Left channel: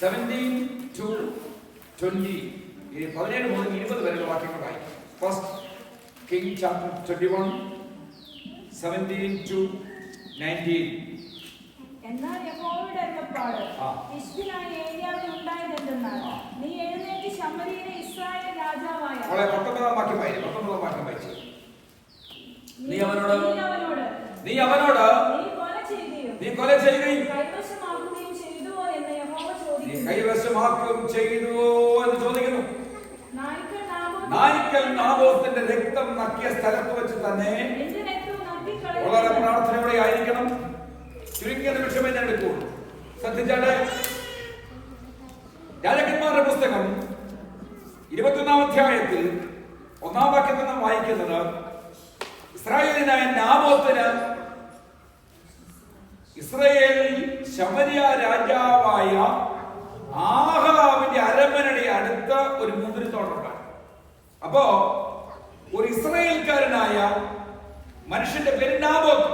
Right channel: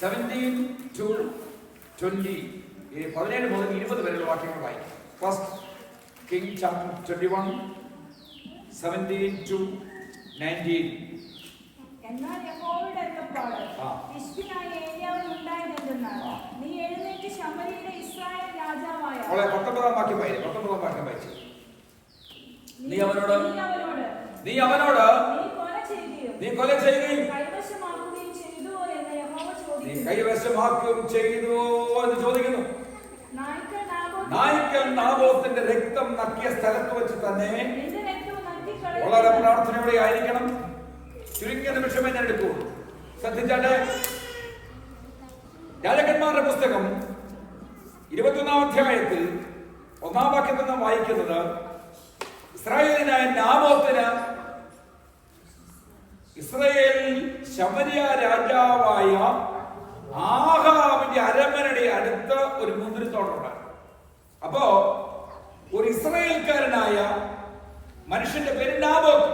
17 to 20. 17 മുതൽ 20 വരെയുള്ള വാക്യങ്ങൾ വായിക്കും. First king chapter 21 17 to 19. എന്നാൽ യഹോവയുടെ അരുളപ്പാട് ഹിസ്കിയായ ഏലിയാവിന് ഉണ്ടായതെന്തെന്നാൽ, നീ എഴുന്നേറ്റ് ശമര്യയിലെ ഇസ്രായേൽ രാജാവായ 19 വാക്യം വായിച്ചു. നീ അവനോട് നീ കൊല ചെയ്യുകയും കൈവശമാക്കുകയും ചെയ്തുവോ എന്ന് യഹോവ ചോദിക്കുന്നു. നീ കൈവശമാക്കുകയും ചെയ്തുവോ എന്ന് ചോദിക്കുന്നു. നായ്ക്കൽ നാബോത്തിന്റെ രക്തം നക്കിയ സ്ഥലത്ത് വെച്ച് തന്നെ വളരെ പ്രാർത്ഥനയോടെ ആയിരിക്കണം. ചുരുങ്ങിയ നിമിഷമേ ഞാൻ എടുക്കുള്ളൂ. ശ്രദ്ധിച്ചാട്ടെ. രാജാക്കന്മാരുടെ പുസ്തകം 21 അധ്യായത്തിൽ 1 വാക്യത്തിൽ നിന്ന് വായിക്കുന്നത്, ഇസ്രായേലിനായ നാബോത്തിന് ഇസ്രായേലിൽ ശമര്യ രാജാവായ ആഹാബിന്റെ അരമനയുടെ അടുത്ത് ഒരു മുന്തിരിത്തോട്ടമുണ്ട്. അപ്പോ ഒരു ഇസ്രായേൽക്കാരനായ മനുഷ്യന്റെ പേര് നാബോത്ത്.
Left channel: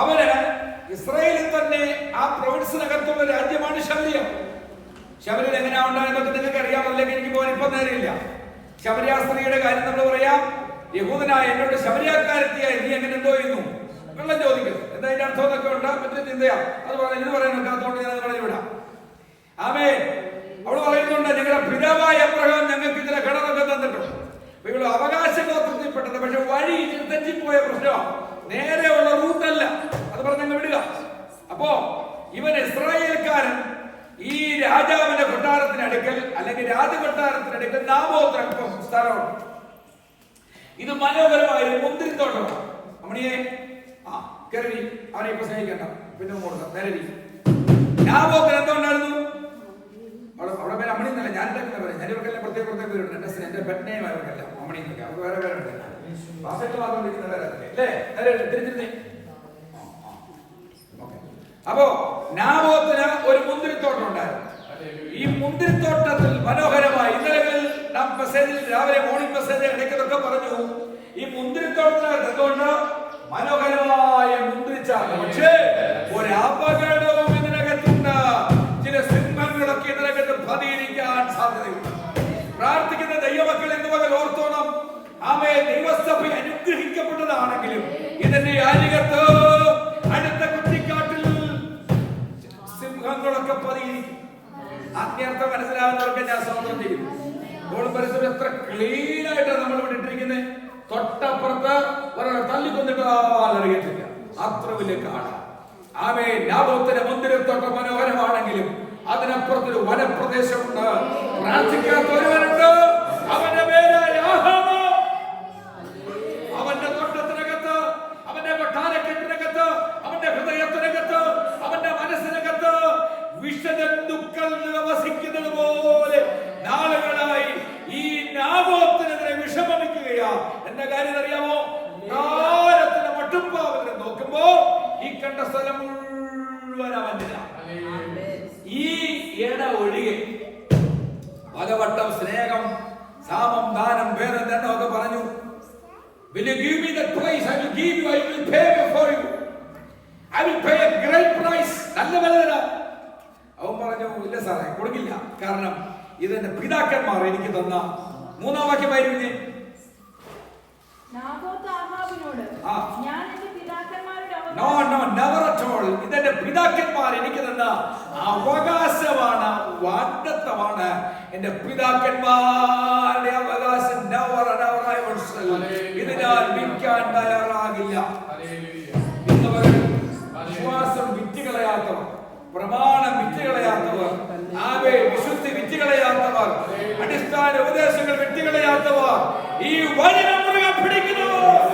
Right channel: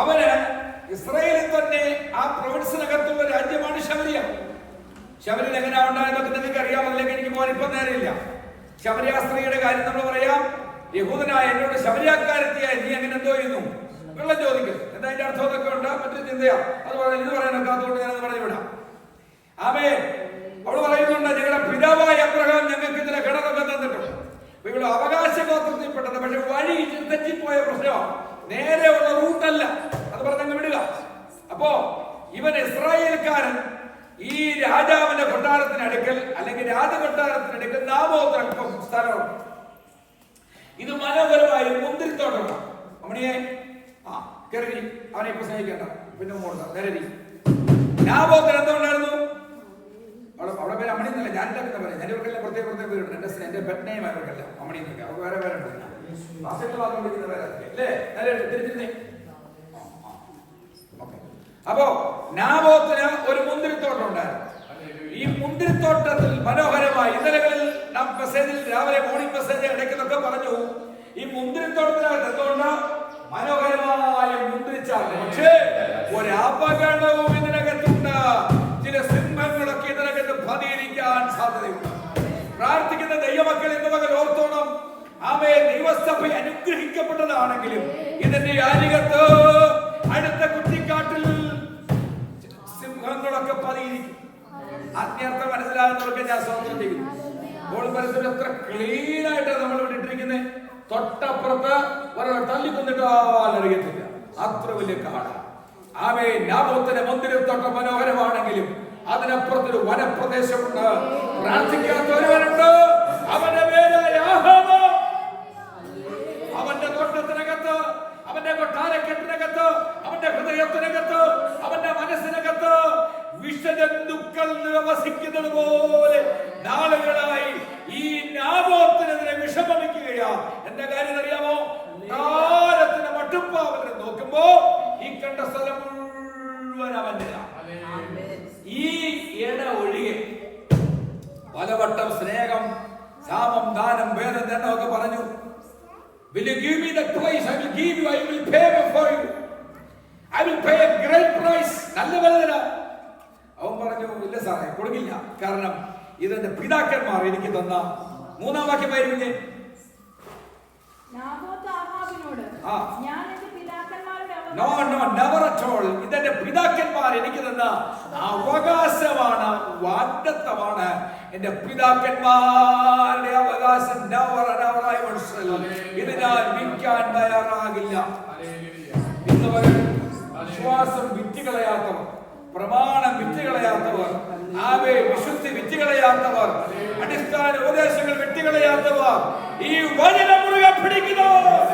അവന് ഇസ്രായേലിൽ തന്നെ ആ പ്രൊവിൻസിനകത്തുള്ള രാജ്യമാണ് ശമര്യ. ശമര്യയിൽ എങ്ങനെയാ ഉണ്ടായെന്നൊക്കെ നിങ്ങൾക്ക് അറിയാമല്ലെങ്കിൽ എനിക്ക് പോകാൻ ഇപ്പം നേരെയില്ല. ശമര്യ സ്ത്രീയുടെ കാര്യം നമ്മൾ പറയാം. യഹൂദനായ എന്നോട് ശമര്യാക്കാരെത്തിയായി നീ എങ്ങനെ എന്തോ ചെയ്യുന്നു വെള്ളം ചോദിക്കും. എന്താ അതിന്റെ അർത്ഥം എന്നൊക്കെ ഉണ്ട്, മറ്റൊരു ചിന്തയാ. അത് ഇത് പറയാനൊക്കെ അതുകൊണ്ട് ഞാൻ പറഞ്ഞു വിടാം. ആമേൻ. അവള് പറയുന്നുണ്ട്, ഞങ്ങളുടെ പിതാവായ അബ്രഹാം ഞങ്ങൾക്ക് ഇതിലെ കിണറൊക്കെ തന്നിട്ടുണ്ട്. അപ്പൊ ഇവിടെ അവകാശ ഗോത്രത്തിൽപ്പെട്ടത്, പക്ഷെ വഴി തെറ്റിപ്പോയ പ്രശ്നമാണ്. നേരെയുള്ള റൂട്ടല്ല. അത് പറഞ്ഞങ്ങ് വിടുക. അപ്പോ ഇവൻ ഇസ്രായേൽക്കാരൻ ഈ രാജാവിന്റെ കൊട്ടാരത്തിനടുക്കൽ അല്ലെങ്കിൽ രാജകൊട്ടാരത്തിനടുക്കൽ നാബോത്ത് സ്ഥലമാണ്. ഇത് മനോഹരമായ ഒരു മുന്തിരിത്തോട്ടമാണ്. അമ്മണിയെ കരുതി അവനെ ഇപ്പൊ സ്നേഹിക്കണ്ട, പിന്നെ കൊടുക്കാം. നേരെ നാബോത്തിന് എന്തുകൊണ്ടായിരുന്നു? അവിടെ പേര് അമ്മണി എന്നല്ല, ഞാൻ എന്താ പറയാം. ഞാൻ ഇവർക്കെല്ലാം പ്രത്യേക പേരുണ്ട്. എന്റെ പെട്ടെയും അവർക്കല്ല അമ്മണി എന്നൊക്കെ. അവർക്ക് വേറെ പേരുണ്ട്. അപ്പോ നാബോത്തിന് ഒരു മുന്തിരിത്തോട്ടം ഉണ്ടായിരുന്നു. ഈ മുന്തിരിത്തോട്ടത്തിൽ മനോഹരമായി ഇന്നലകളിൽ നാം മെസ്സേജിൽ രാവിലെ മോർണിംഗ് മെസ്സേജ് ഇടയ്ക്കൊക്കെ പറഞ്ഞു, ഈ മുന്തിരിത്തോട്ടത്തിനകത്ത് എന്തുകൊണ്ട് മനോഹരമായ മുന്തിരിച്ചാണ്. പക്ഷേ ഒരപകടവും ഇതിനകത്തുണ്ട്. ചില സിംഹങ്ങളൊക്കെ ഇതിനകത്ത് പതിയിരിക്കാൻ സാധ്യതയുണ്ട്. പ്രാർത്ഥിക്കുന്ന ദൈവമക്കൾ എന്ന് പകൽ ഓർത്തോണം. അവയെ ദൈവസഭ അനുഗ്രഹിക്കപ്പെട്ടതാണെങ്കിലും ഇതിന്റെ അരികത്ത് അടുത്ത കുറ്റിക്കാട്ടിൽ സിംഹങ്ങളൊക്കെ പതിയിരിക്കും. ആത്മീയർത്ഥം മനസ്സിലാകുന്നവർക്ക് ഞാൻ സ്വാഗതം ചെയ്യുന്നു. ഇപ്പോൾ പരിസരം എത്ര ക്ലീൻ ആയിട്ടാണ് നമ്മൾ ഇവിടെ ഇട്ടിരിക്കുന്നത്. തൊട്ടപ്പുറത്ത് ഒരാൾ തല്ലിക്കൊന്നിട്ടാവാനറിയത്തില്ല, അത്ര വലിയ കാടാണ്. ആമേൻ. നാബോത്തിന്റെ മുന്തിരിത്തോട്ടം മനോഹരമാണെങ്കിലും അതിനപ്പുറത്തൊരു വനപ്രദേശമുണ്ട്. പ്രാർത്ഥിക്കാത്ത ഒരുവനുണ്ട്. അവന്റെ പേരായ ആഹാബ്. അവന്റെ തോട്ടത്തിനകത്ത്, അവന്റെ കൊട്ടാരക്കെട്ടിനകത്ത്, അവന്റെ ഹൃദയത്തിനകത്ത്, അവന്റെ മനസ്സിനകത്ത് വിഷജന്തുക്കൾ വസിക്കുന്നത് പോലെ നാളുകളായി ഈ നാബോത്തിനെതിരെ വിഷമിക്കുകയാ. എന്റെ കാര്യം അറിയാമോ? കാലത്തിന് മട്ടുപ്പാവലിനെ നോക്കുമ്പോ ഈ കണ്ട സ്ഥലം മുഴുവൻ അവന്റെതാ. ഈ ഇട ഒഴികെ പലവട്ടം സ്നേഹം, സാമം, ദാനം, ഭേദം എന്നൊക്കെ പറഞ്ഞു. Will you give me that price? I will give you. I will pay for you. I will pay a great price. നല്ല വില. അവൻ പറഞ്ഞു, ഇല്ല സാറേ, കൊടുക്കില്ല. കാരണം ഇതെന്റെ പിതാക്കന്മാർ എനിക്ക് തന്ന. 3-ാം വാക്യമായിരുന്നു. ഇതെന്റെ പിതാക്കന്മാർ എനിക്ക് തന്ന അവകാശമാണ്, വാഗ്ദത്തമാണ്. എന്റെ പിതാക്കന്മാരുടെ അവകാശം ഇത് ഞാൻ വിൽക്കാൻ തയ്യാറാകില്ല. വിശ്വാസം വിറ്റുകളയാത്തവർ, പ്രമാണം വിറ്റുകളയാത്തവർ, വിശുദ്ധി വിറ്റുകളയാത്തവർ, അടിസ്ഥാന ഉപദേശങ്ങൾ വിറ്റുകളയാത്തവർ, ഈ വചനം മുറുകെ പിടിക്കുന്നവർ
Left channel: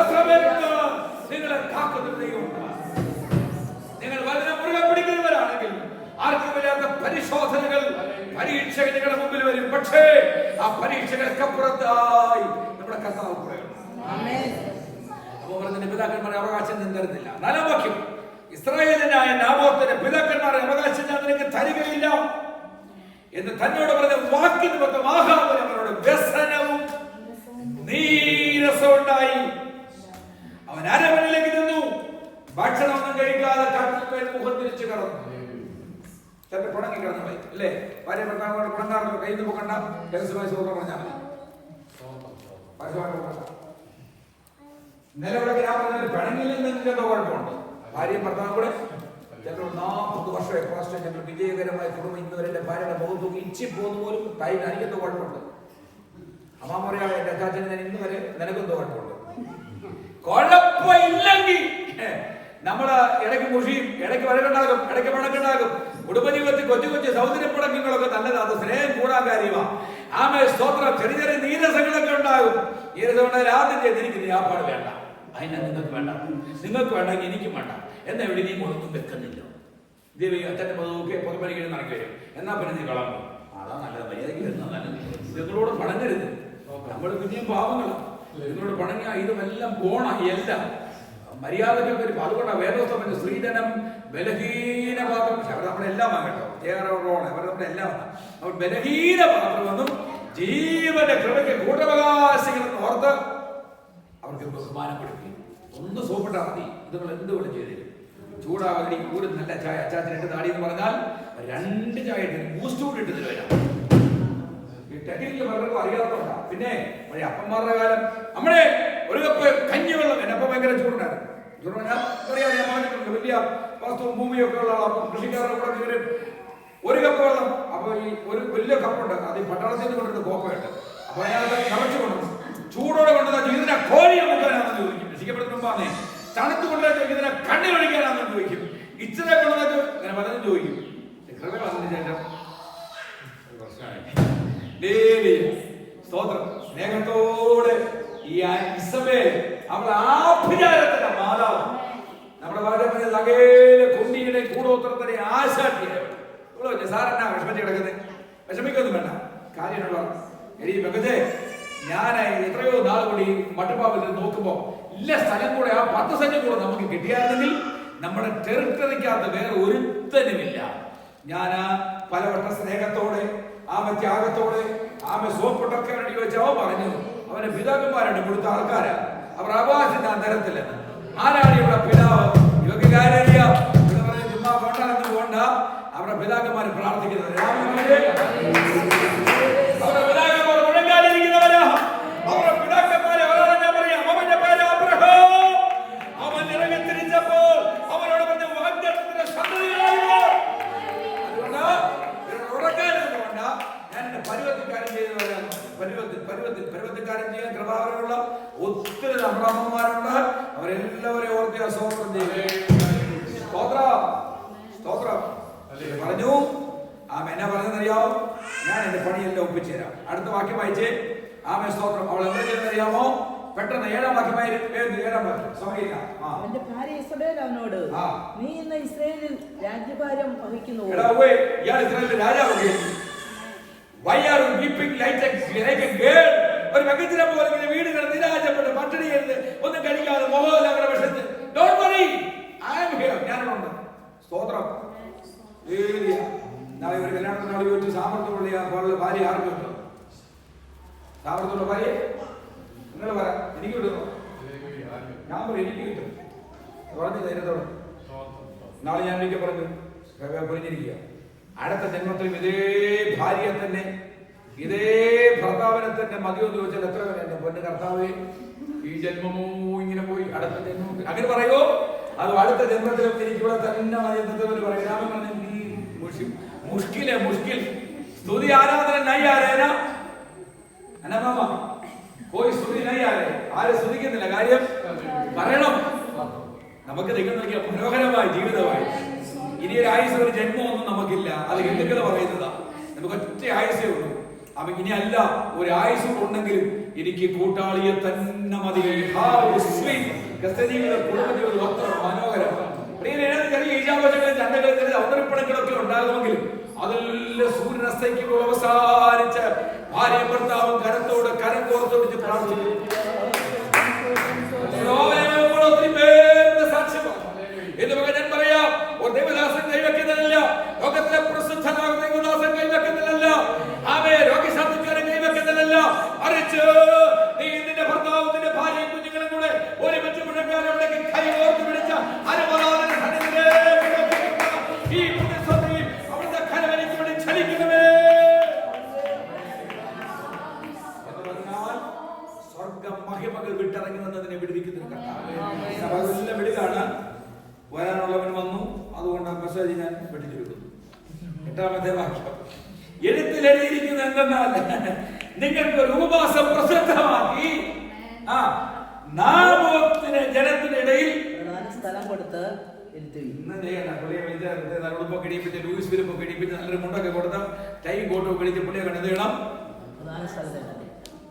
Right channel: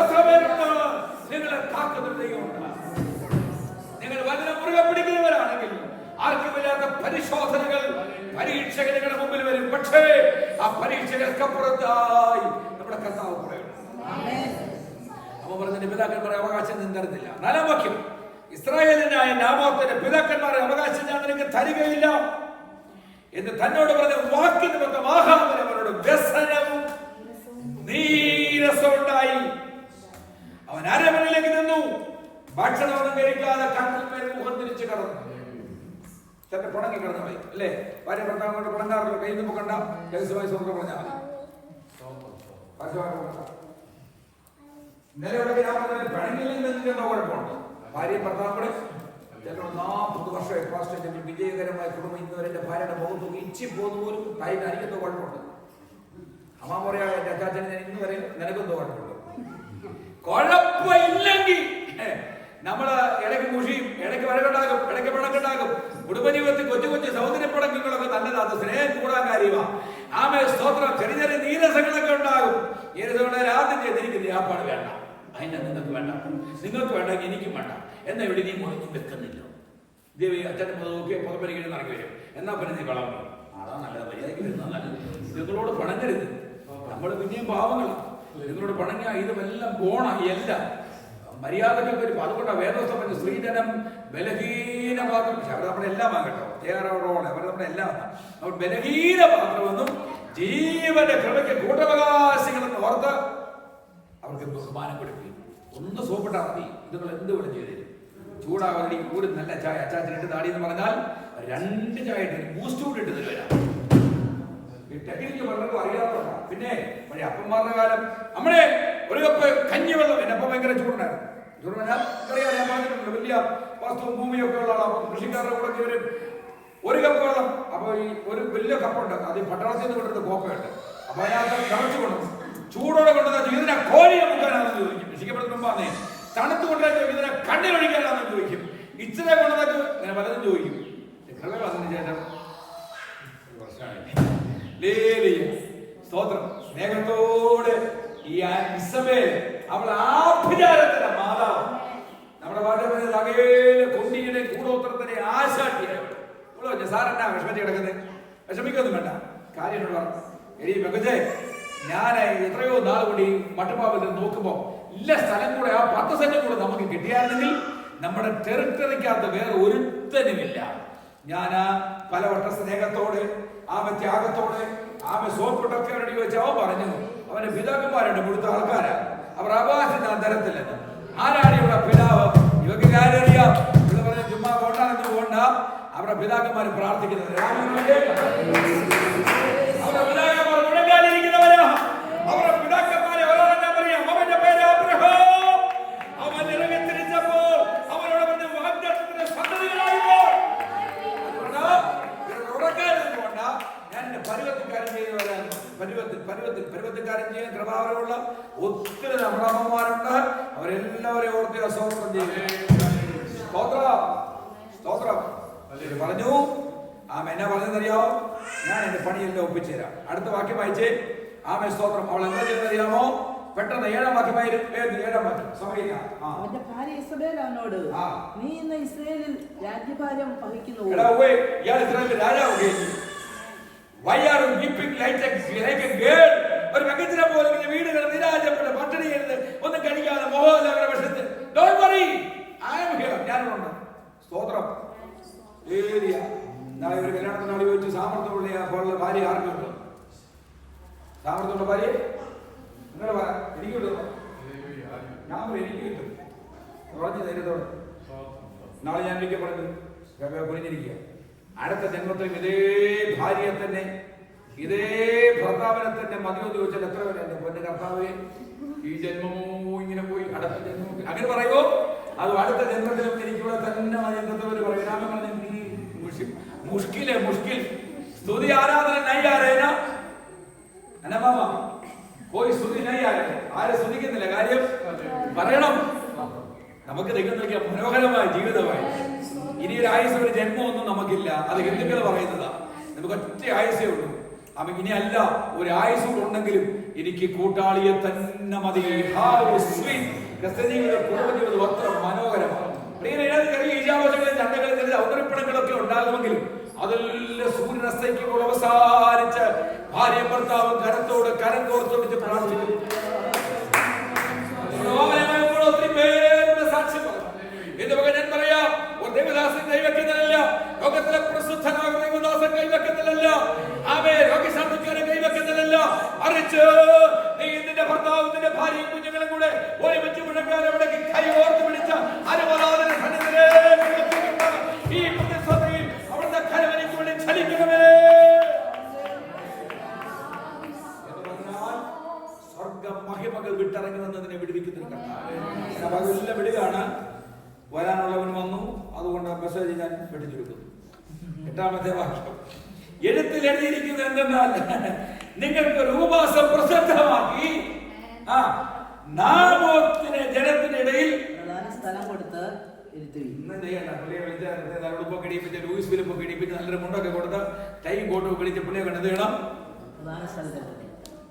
എത്ര പേരുണ്ട്? നിങ്ങളെ കാക്കുന്ന ദൈവമുണ്ട്. നിങ്ങൾ വചനം മുറുകെ പിടിക്കുന്നവരാണെങ്കിൽ ആർക്കുമില്ലാത്ത പരിശോധനകൾ, പരീക്ഷകൾ നിങ്ങളുടെ മുമ്പിൽ വരും. പക്ഷേ ആ പരീക്ഷകൾക്കപ്പുറത്തായി നമ്മുടെ കർത്താവ് പറയുന്നു. അപ്പൊ പറഞ്ഞ പിതാക്കന്മാരെ അവകാശം ഞാൻ തരുന്നില്ല. 4-ാം വാക്യം, ഇസ്രായേലിനായ നാബോത്തിന്റെ പിതാക്കന്മാരെ അവകാശം ഞാൻ നിനക്ക് തരികയില്ല എന്ന് തന്നോട് പറഞ്ഞ വാക്കിന് പറ്റും. ആഹാബിന് അവരോട് വ്യസനവും നീരസവും ഉണ്ടായി. അവൻ അരമനയിലേക്ക് നിന്നു. ഭക്ഷണമൊന്നും കഴിക്കാതെ കട്ടിൽ മുഖം തിരിച്ചു കടന്നു. ചിലപ്പോൾ പിണങ്ങി കിടന്നു പോയി അല്ലേ? ഭാര്യ ഭർത്താവിനോട് പിണങ്ങാറില്ല. കയ്യിൽ നിന്ന് കണ്ട രഹസ്യമായി സുഹൃത്ത് പറഞ്ഞാൽ മതി. ഇന്നലെ ഇവിടെ ഞാൻ പറഞ്ഞാൽ പിണങ്ങിയില്ലെങ്കിൽ എന്തോ കുഴപ്പമുണ്ട്. ഭാര്യയും ഭർത്താവും കൂടെ ചിലപ്പോൾ 40 വർഷം എപ്പോഴും ഞങ്ങൾ വിജയകരമായ കുടുംബം ഇന്നുവരെ എന്റെ ഭാര്യയുടെ മുഖത്ത് നോക്കി ഇച്ചി പോകുന്ന പോലും ടൈം എനിക്കെന്തോ കുഴപ്പമുണ്ട്. അമ്മ പറയാ എന്റെ അച്ചാച്ചൻ ഞാൻ ഇന്ന് വരെ നിനക്കെന്തോ കുഴപ്പമുണ്ട്. കുഴപ്പമില്ലെങ്കിൽ നമ്മള് ഇടയ്ക്ക് മുഷിയും, ഇടയ്ക്ക് വഴക്കുണ്ടാകും, ഇടയ്ക്ക് പിണക്കുണ്ടാകും. കുടുംബജീവിതത്തിൽ കൊച്ചു കൊച്ചു സൗന്ദര്യപ്പിണക്കങ്ങളൊക്കെ നല്ലത്. അത് സ്നേഹം കൂടാൻ കാര്യമാ. ആമേ സ്തോത്രം. ചെറിയ ചെറിയ നീരസങ്ങളൊക്കെ ഉണ്ടാകും. നീരസം ആദ്യം ചെയ്തിരിക്കുന്നത് ആപ്പാട് വേണ്ട, അതിനെ നിങ്ങൾക്ക് വേണ്ട, നിങ്ങൾക്ക് വേണ്ടെങ്കിൽ എനിക്കും വേണ്ട എന്നാ ഇവിടെ നീ ഒന്നും വെക്കുന്നില്ല. ദേവി അച്ഛൻ്റെ പൊതുവൊക്കെ പൊതുപ്പണികൾ നടക്കി വരും. എന്നാ പിന്നെ നീ കളമ്പോ അതാ നല്ലത്. മര്യാദയ്ക്ക് വരുന്ന നല്ലത്. നിങ്ങളോട് പണങ്ങരുത്. നമ്മൾ പിന്നെയും പാവങ്ങളാണ്. നിങ്ങളോട് പണങ്ങിയ ഇതുമെല്ലാം പോണ എല്ലാം മര്യാദയ്ക്ക് വരും. അതുകൊണ്ടാണ് വേദോസ്തം പറഞ്ഞ സ്ത്രീധനം ബലഹീന പാത്രം. അവർ നമ്മളെല്ലാം ആകട്ടോ, അവർ നമ്മളെല്ലാം അവർ ബലഹീന പാത്രമെന്നും ജീവന്റെ കൃപയ്ക്ക് കൂട്ടവകാശങ്ങളെന്ന് ഓർത്ത് അവർക്ക് ബഹുമാനം കൊടുക്കുകയും ഒന്ന് സോപ്പിട്ടാൽ മതി. ഇതുങ്ങൾ എന്തുകൊണ്ട് ചെയ്തു ചൂടാവാതി കൂടി നല്ല ചായ. അച്ചാച്ചൻ 2 താടി എന്ന് പറഞ്ഞാൽ 2 ചായ ഇട്ട് ബൂസ്റ്റ് കൂടി ഇട്ട് തരുവരാ. ടെക്നിക്ക് പലർക്കും അറിയാത്തതുകൊണ്ടാ. പിന്നെ പഴയ അപ്പന്മാരുടെ കാലം നമ്മളെ ഒരു കപ്പ് കഞ്ഞിവെള്ളം. എന്നെ അപ്പം ഭയങ്കര ചൂടുണ്ടായിരുന്നു. ചൂട് പറഞ്ഞാൽ അറിയാം, ഞാൻ പറഞ്ഞിട്ടുണ്ട് വലിയ വസ്തുവും ഭൂമിയൊക്കെ ഉള്ള ആളാണ്. അപ്പം കൃഷിക്കാരുടെ കൂടെ കയറി ഒരു കപ്പ് വെള്ളം. അപ്പൊ ഈ ഒരു വലിയ കപ്പുണ്ട്, അത് ഈ പട്ടാളത്തിൽ നിന്ന് കൊണ്ടിട്ട് കോപ്പയുണ്ട്. അപ്പൊ അതിനകത്ത് നിറച്ചു കൊണ്ടു ചൂടോടെ കൊണ്ടുവന്ന ഇതിനെ കോഴിയെ മുക്കാനാണെന്ന് ചോദിക്കും. രക്ഷിക്കപ്പെടുത്തുമ്പോന്നേ തണുത്ത് കൊണ്ടുവരാൻ ഇതിനെ കണ്ണിലൊഴിക്കാനാണെന്ന് ചോദിക്കും. ഇച്ചിരി കൊണ്ടുവന്നിട്ട് ഇങ്ങനെ പലതും ചോദിക്കും. അതിന് ശേഷം സ്തോത്രം സ്നേഹത്തോടെ ഈ ഇസബേൽ അവളെ ആഭിചാരത്തിന്റെ മാതാവ്. നമ്മുടെ ഭാഷ പറഞ്ഞത് അകേലെ കുണ്ടിയുടെ കൂടോത്രത്തിന്റെ ആശാട്ടിയായവൾ. സാറെന്നാ വിഷമിച്ച് കിടക്കുന്നത്? വിഷമിക്കൊന്നും വേണ്ട. കാര്യം എടീ വെകജെ, ഞാൻ എത്രയോ നാൾ കൂടി മട്ടുപ്പാവിൽ നോക്കുമ്പോ ഇല്ല സ്ഥലം കൂടെ ആ 10 സെന്റ് കൂടെ നമുക്ക് കിട്ടിയായിരുന്നെങ്കിൽ നമ്മുടെ ടെറിട്ടറിക്കകത്ത് വേറെ ഒരുത്തനുമില്ല. ഞാൻ പലവട്ട സ്നേഹത്തോടെ ആമ ത്യാഗത്തോടെ ആമ സോപ്പിട്ടൊക്കെ വേണ്ടി ചോദിച്ച അവൻ പറഞ്ഞു അവന്റെ പിതാക്കന്മാരുണ്ട് കൊടുത്ത ആൾക്കാരാ. അവർ അവകാശം തരത്തില്ലെന്ന്. ആരാണ് ഇവിടെ പിതാവ്? ഇവർക്ക് കാര്യറിയാം. ഇവിടെ പറഞ്ഞ ചുമ്മാ കൊണ്ടാണെന്ന് പോണ്ട. അവരുടെ പിതാക്കന്മാർ പ്രാർത്ഥിക്കുന്നത് അവരുടെ പിതാക്കന്മാർ മുഴങ്ങാതിരിക്കുന്നവരാ. അവരുടെ പിതാക്കന്മാരെ ഞാൻ പറയാം. അവന്റെ പേര് അബ്രഹാം. അവൻ ഇറങ്ങി തിരിച്ചപ്പോൾ അവരോട് പറഞ്ഞ വാഗ്ദത്തത്തിന്റെ സന്തതികളായില്ല. ഞാൻ എന്റെ പരുവത്തിക്കാരൻ ചെയ്യുന്നവരാണ്. പരുവത്തിക്കാരൻ ചെയ്യാൻ കൃപാവരമുള്ള ഒത്തിരി നമ്മുടെ അമ്മമാരുണ്ട്. അവരെല്ലാവരെയും ഓർത്ത് സ്തോത്രം ചെയ്യും. സ്തോത്രം പറഞ്ഞു. ആമ എന്നാ പറഞ്ഞെന്നറിയാമോ? ഞാൻ എന്റെ പണിയെല്ലാം ഒപ്പിച്ചുതരാം. അടുത്ത വാക്യം വായിച്ചേ. ആമ സ്തോത്രം. അവൾ എന്താ ചെയ്യുന്നറിയാമോ? പെട്ടെന്ന് 7-ാം വാക്യമായി. 7-ാം വാക്യം സമയം. നീ ഇന്ന് ഇസ്രായേലിൽ രാജ്യഭാരം വഹിക്കുന്നു. ഇയാൾ ഇസ്രായേലിന്റെ രാജാവ്. Why are you weeping like a girl? ഒരു പെൺകുട്ടിയെ പോലെ ഇങ്ങനെ വീടുകൾ നിരാശപ്പെട്ട് പട്ടിണി ചെയ്ത് ഒന്നും കഴിക്കാതെ മോഹോല്ലാവരുടെ വശത്ത്. Don't worry, I am here. ഞാനുണ്ട്. സ്തോത്രം. നാളെ ഒരു കല്യാണത്തിനോട് ചോദിച്ചു സാമർത്ഥ്യമുള്ള ഭാര്യ ആർക്കുണ്ട്? സാമർത്ഥ്യമുള്ള ഭാര്യ നിങ്ങൾ പറ. എനിക്ക് കിട്ടുന്നു. ഞാൻ പറയും എനിക്ക് കിട്ടും. പറഞ്ഞു ധൈര്യത്തോടെ. നാളെ ഞാൻ ഒരിക്കൽ പറഞ്ഞു പൊരിഞ്ഞിരിക്കുക. അടുത്ത ജന്മത്തിലും ഇതേ ഭാര്യയെ തന്നെ ഇതേ ഭർത്താവിനെ തന്നെ മതിയെന്ന് ചോദിച്ചാൽ എത്ര പേര് എന്റെ പൊന്ന് കർത്താവേ ഈ ജന്മമോ ഇങ്ങനെ പോയി അടുത്ത ജന്മം അങ്ങനെ പറയുമോ? അത് അടുത്ത ജന്മത്തിലും എനിക്കിവിടെ തന്നെ മതിയെന്നവര് പറയും. രാമൻ പറഞ്ഞു മുഷ്കിൽ സ്തുതി ആരാധന നൈ ആരേന അനമാമ പോയി സ്തുതി നൈ ആരേ. ആരെ സ്തുതിക്കുന്നില്ല. കാര്യം പറയണം. നമുക്ക് ദൈവം നൽകിയ മനോഹരമായ ജീവിതമായി ഇനി ഒരു ആയുസ് ഒരു ജന്മമൊന്നും നമുക്കില്ല. അത് ഹിന്ദുക്കൾ പറയുന്നതാ. നമുക്ക് ഒറ്റ ആയുസേ ഉള്ളൂ. അപ്പൊ ഇനി അല്ല ഒരു ആയുസ് ഉണ്ടെങ്കിലും എനിക്ക് കൂട്ടാളിയെ തന്നെ മതി. ജീവിതം കുടുംബജീവിതം അത്ര മനോഹരമാണ്. ചെറിയ ഈജാവശങ്ങളും ചണ്ടകളും ചെറിയ ഔതറിപ്പണങ്ങളൊക്കെ ഉണ്ടാകുമെങ്കിലും അതെല്ലാം സൂര്യനസ്തയ്ക്കുമ്പോൾ അവസാനിച്ച് ഭാര്യ ഭർത്താവും കരത്തോട് കരം കോർത്തോടിച്ച് പ്രാർത്ഥിക്കുന്നു. ഒത്തിരി പേരുടെ സാക്ഷ്യമാണ്. എന്ന് ഞാൻ പറയാം. ഒരു ദൈവദാസൻ കൈവെക്കുന്നില്ല. ലോകത്തിലെ പ്രസിദ്ധനാകുന്ന ദൈവദാസൻ കൈവെക്കുന്നില്ല. അവയെ രോഗശാന്തിക്കാരൻ കൈവെക്കുന്നില്ല. മറിച്ച് നീ നിന്റെ ഭർത്താവും നിന്റെ ഭാര്യയും കുഞ്ഞുങ്ങളും കൂടെ ഒരുമിച്ച് മുഴങ്ങാനവിടേക്ക് കൈ ഓർത്ത് പിടിച്ച ഈ പ്രതിസന്ധിയിൽ അവിടുത്തെ പാസേജ് ഞാൻ വെട്ടിച്ചെടുക്കുന്നു. 8-ാമത്തെ വാക്യം. എഴുത്തിൽ എഴുതിയിരിക്കുന്നത് എന്തെന്നാൽ നിങ്ങൾക്ക് ഒരു ഉപവാസം പ്രസിദ്ധമാക്കി നാബോത്തിനെ ജനത്തിന്റെ ഇടയിൽ സ്ഥലം കൊടുത്ത് ഇന്നും ചെയ്യണ്ട. പുള്ളിയെ വിളിച്ച് ഉടുപ്പൊക്കെ ഇടിപ്പിച്ച് ലൂയിസ് ഫിലിപ്പൊക്കെ ഇടിപ്പിച്ച് നല്ലൊരു മുണ്ടൊക്കെ കൊടുത്ത് ടൈം കോട്ടൊക്കെ വിളിച്ച് പുള്ളിയെ കണ്ടത് ചെയ്യണം.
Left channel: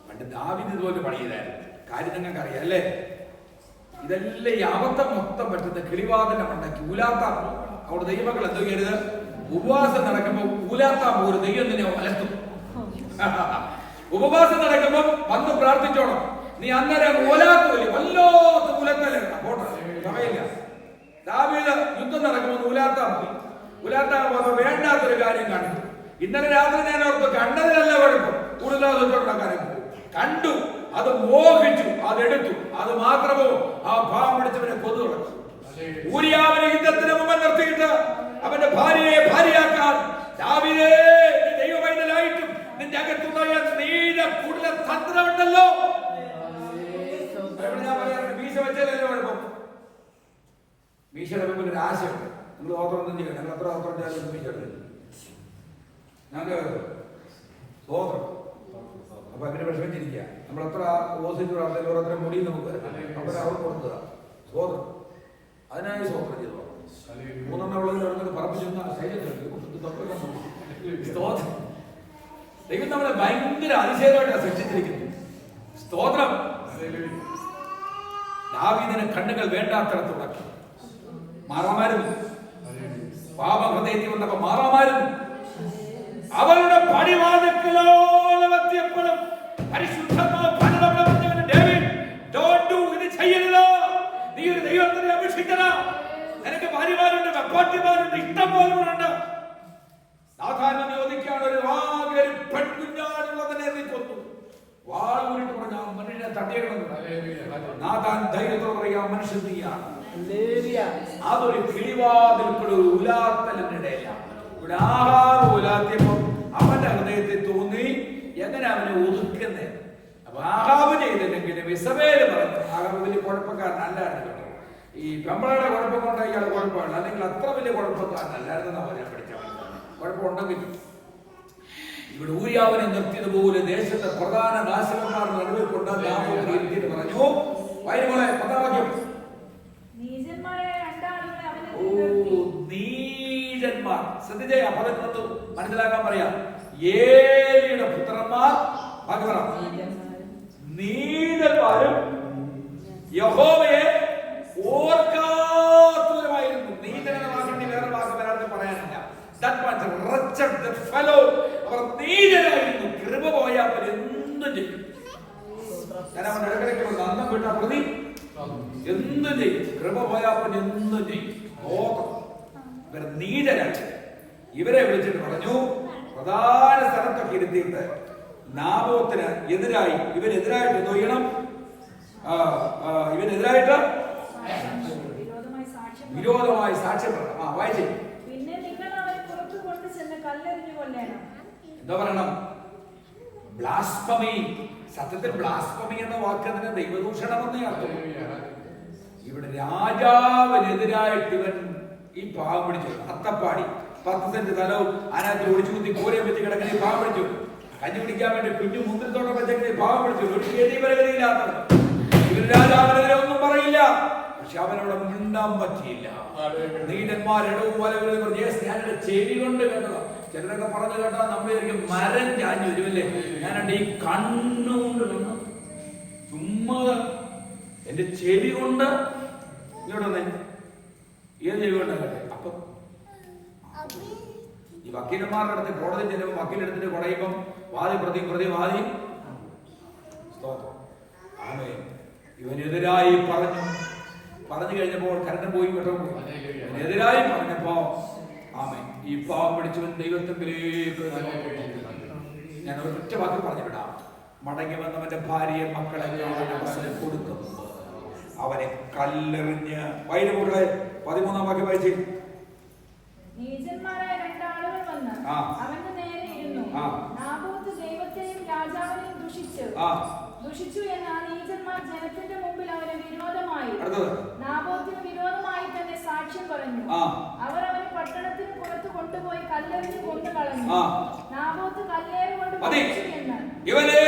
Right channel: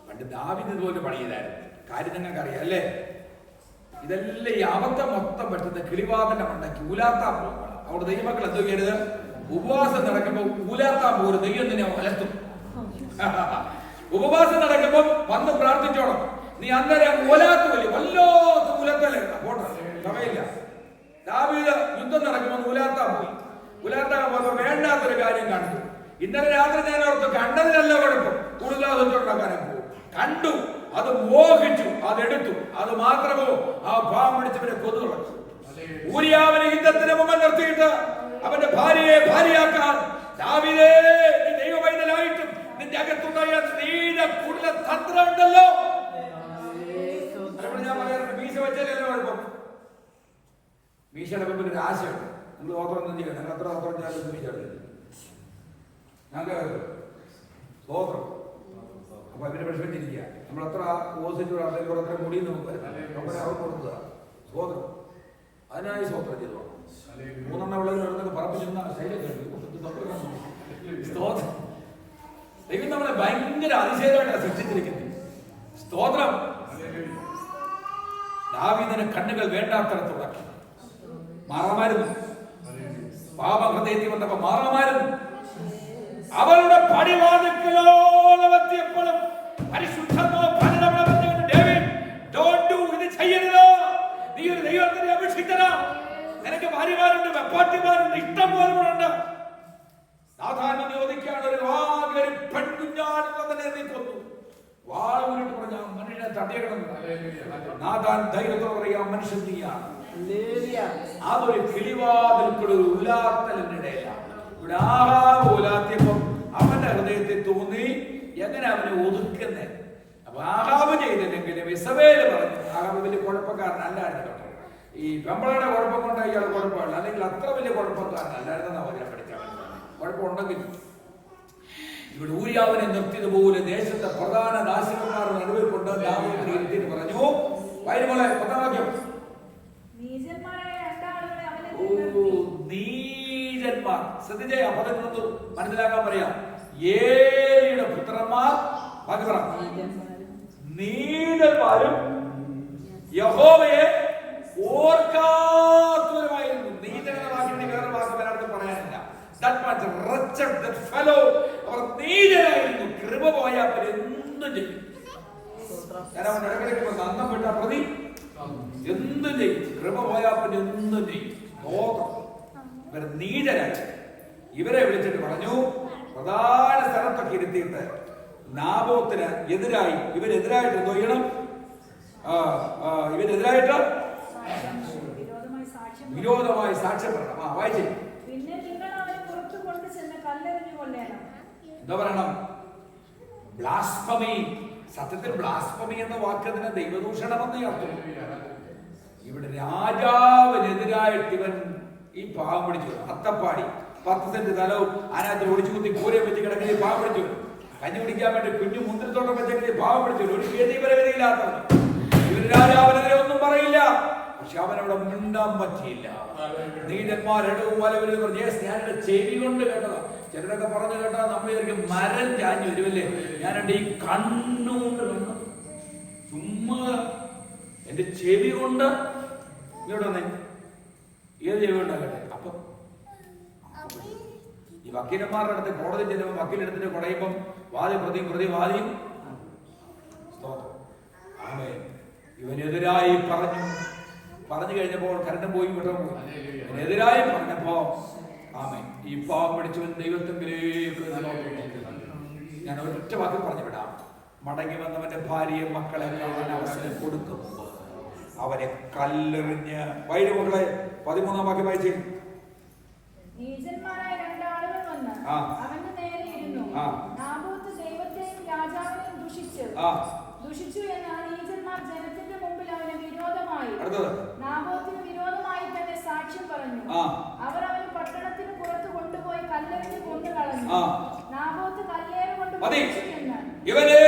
പണ്ട് ദാവീദ് ഇതുപോലെ പണി ചെയ്തായിരുന്നു. കാര്യം നിങ്ങൾക്ക് അറിയാം അല്ലേ? ഇതെല്ലാം ഈ അബദ്ധം മൊത്തം പറ്റുന്ന കിളിവാതിന്റെ മണ്ടയ്ക്ക് ഊലാത്താൻ പോകണം. അവിടെ ദൈവമക്കൾ എന്തോ ചെയ്യരുത്, ഉപവാസം നടക്കുമ്പോൾ ഊലാത്താൻ പോലും ദൈവം തന്നെ വലത്തും. ഉപവാസം നടക്കുമ്പോൾ വന്ന് പ്രാർത്ഥിച്ചോണം. നീ അന്നേരം ഊലാത്തൂല്ലേ, വല്ലാത്ത ഊലത്തല്ലേ. പോട്ടെ, സമയമില്ല. ദാവീദ് യുദ്ധം നടക്കുമ്പോൾ ഊലാത്താൻ പോയി. ഊലാത്താൻ പോയപ്പോ വേണ്ടാത്തൊരു കാര്യം കണ്ടു. ഇന്നലെ രാത്രി ഞാൻ ഓർത്ത് കണ്ടതിനല്ല കുഴപ്പം, കൂടുതലാകാനും പോകും. കണ്ടു, അത് മോഹിച്ചു, അതെടുത്തു. അത് മാത്രമോ ആ പാവം പിടിച്ചവനെ കൊതു തുടച്ചു. ഊരിയാവിനെ യുദ്ധത്തിന് മുമ്പ് നിർത്തിയിട്ട് അവന്റെ ഭാര്യയെ ഭാര്യയാക്കാൻ ദാവീദേ, നീ ദൈവവൈതലായിട്ടും നിന്റെ അകത്തുണ്ടായ നീല കുടില തന്ത്രമുണ്ടല്ലോ. ഞാൻ പറയാറുണ്ട്, മീശ വെച്ചാലല്ലേ കുഴപ്പം. മീശയുടെ മുമ്പിൽ ഒരു ആശയുണ്ട്. നിങ്ങൾ ഓത്രം ചെയ്യണം. ഞങ്ങൾ എത്ര ഓത്രം ചെയ്താലും മീശ ഞങ്ങൾക്ക് സ്വോത്രം. അപ്പൊ അങ്ങനെ വിഷമിച്ചിരിക്കുക. നമ്മൾ എത്ര ഓസിന്റെ അത്ര മുടി നമുക്ക് അവിടെ അവർക്ക് കൊടുക്കുക സ്വോത്രം. അതിനായി സ്വോത്രം ചെയ്തു. 3 ഉള്ളതിൽ അവിടെ പറപ്പിച്ചിരുന്ന ശൈലത്തുണ്ട്. സ്തോത്രം. ദൈവം നമ്മളെ ഭയങ്കര അതിശയമായിട്ടാണ് സൃഷ്ടിച്ചിരിക്കുന്നത്. സ്തോത്രം. ദാവീദിന്റെ കണ്ണുകൾ വേണ്ടാത്തടത്തുടക്കി മാറാമായിരുന്നു. പാപഹൃദയത്തിൽ വന്നപ്പോ മാറാമായിരുന്നു. അവളുടെ പടിവാതിക്കലോളം എത്തിയപ്പോഴും ഇത് ചെയ്യരുത്, നീ ഒരു ദൈവത്തിനെ അപേക്ഷിക്കണം. നിനക്ക് ഭാര്യമാരുണ്ട്, വെപ്പാട്ടിമാരുണ്ട്, ഇഷ്ടം പോലുണ്ട്. സാധാരണ ചോദിക്കാണ്, ഒരു ആകെ പെൺകുഞ്ഞാടുള്ളതിനെ നീ കൊന്നു. വാളൂരിട്ട് പറഞ്ഞ മനുഷ്യനെ തടയണമെന്ന് നാഥാൻ ധൈര്യത്തോടെ പറയാ, മനുഷ്യൻ നീയാണ്. അതൊരു കിളിവാതിൽക്കൂടെ ഒരു ഉലാത്തലിനിടയിലാണ്. ഇവിടെ ആഹാരം ഉലാത്തിയപ്പം അവന്റെ ഹൃദയത്തിൽ തോന്നി എങ്ങനെ അവനെ ഒതുക്കുന്നേ. അപ്പൊ ആഹാബ് ചെയ്തില്ലെങ്കിലും ഇസബേല് പറഞ്ഞു, ആഹാബ് വലിയ കുഴപ്പക്കാരനല്ലായിരുന്നു കേട്ടോ. ഈ പെമ്പളയുടെ കുഴപ്പം കൊണ്ട് ഇയാൾ കുഴപ്പമില്ല, അല്ലെങ്കിൽ അത്ര വലിയ കുഴപ്പക്കാരനല്ലായിരുന്നെന്നാ പറയാൻ പഠിച്ചവൻ. കുഴപ്പമുണ്ടെങ്കിൽ ഇവിടെ ഊരിയാവിനെ നിർത്തിയതുപോലെ ദേശത്തെ പ്രധാന നാശകന്മാർ നടുവിൽ കൊണ്ട് ദാവീദിനെ ഇരുത്തിയെന്ന് പറഞ്ഞു. വൈരുമോളെ 10-ാം വാക്യം. നീചന്മാർ. ശ്രദ്ധിച്ചേ, പദങ്ങളൊന്നും മനസ്സിലാക്കാൻ പറയാം. ഏലിയുടെ പുത്രന്മാർ നീചന്മാരും യഹോവയെ ഓർക്കാത്തവരുമായിരുന്നു. നീചനെന്ന വാക്കിന് വേറെ വാക്ക് മലയാളത്തിൽ പറയാനില്ല. അവർ നീചരായിരുന്നു. കൃപ പോയാൽ അവർ എന്തും ചെയ്യും. ഞാൻ അവൻ ഇടക്കിടയ്ക്ക് അന്നം വിട്ട പ്രതി എന്തും ചെയ്യും. കൃപ പോയാൽ അവൻ എന്തും ചെയ്യും. ഇവർ നീചരായി. ഇവരെ വിളിച്ചിട്ട് പറഞ്ഞു, പ്രധാന സ്ഥലത്തൊക്കെ ഇരുത്തിയിട്ട് നാബോത്തിന് എതിരായി ഇവരെതിരായിട്ട് എന്തോ ചെയ്യണം, ഇവരെതിരായിട്ട് വിരോധമായി സാക്ഷ്യം പറയണം. വായിച്ചേ. എന്താ പറയണം? ബ്ലാസ്ഫമി. സത്യത്തിൽ ബ്ലാസ്ഫമി എന്ന വാക്കതിന് ദൈവദൂഷണമെന്നേ അർത്ഥം. ഇവിടെ രാജാവിനെതിരായിട്ട് ഇവൻ ഈ പാവം പിടിച്ചു. അത്തപ്പാടി 10 സെന്റ് സ്ഥലവും അതിനകത്ത് ഒടിച്ചു കുത്തി കോരയും വെച്ച് കിടക്കുന്ന പാവം പിടിച്ചു. കഞ്ഞി കുടിക്കാൻ വേണ്ടി കുഞ്ഞു മുന്തിരിത്തോട്ടം വെച്ചെങ്കിൽ പാവം പിടിച്ചു. ഒരു ഗതിപരഗതിയില്ലാത്തത്. ഇവർ രാജാവിനെതിരെ ഒന്നും പറയില്ല. പക്ഷെ അവനവിടെ മിണ്ടാൻ പറ്റിയില്ല. നീചന്മാരെടവും ഞാനെന്റെ ചെവി കൊണ്ട് കേട്ടതാ. ചിലരൊക്കെ പറഞ്ഞു കേട്ടാ നമ്മൾ ശരിക്കും മരം ചാഞ്ഞു വരുമല്ലേ. ഞാനെന്റെ ഈ കണ്ണുകൊണ്ട് കണ്ടു. ചുമ്മാ എന്റെ ചെവി കൊണ്ട് ഇങ്ങോട്ട് വന്നേ. ഏത് ചെവി കൊണ്ടാകട്ടെ. അപ്പൊ ഈ വക്കീലന്മാരുടെ അടുത്ത് കോടതി ചെല്ലുമ്പോൾ വക്കീലെടുത്തിട്ട് കുടയുമ്പം വാദി പ്രതി വാദിയും ഇവനെതിരായി പറഞ്ഞു കഴിഞ്ഞപ്പോൾ കരണ്ടും പോയി വിട്ടു പോയി. ഇവനെതിരായി പറഞ്ഞപ്പോ ഈ പാവം പിടിച്ചവൻ ദൈവത്തെങ്കിലേക്ക് ഞാൻ ഒരൊറ്റ വാക്ക് പറഞ്ഞു വിടാം. മടങ്ങി വന്നവന്റെ ഭാര്യയെ മക്കളെ കാണാൻ അവസരം കൊടുക്കുമ്പോൾ അവനെ കല്ലെറിഞ്ഞ് വൈരുമക്കളെ 13-ാം വാക്യം വായിച്ചേ. അടുത്തത്. നാബോത്ത് കല്ലേറ് കൊണ്ട് മതി. മരിച്ചുവെന്ന്. ഇവനെ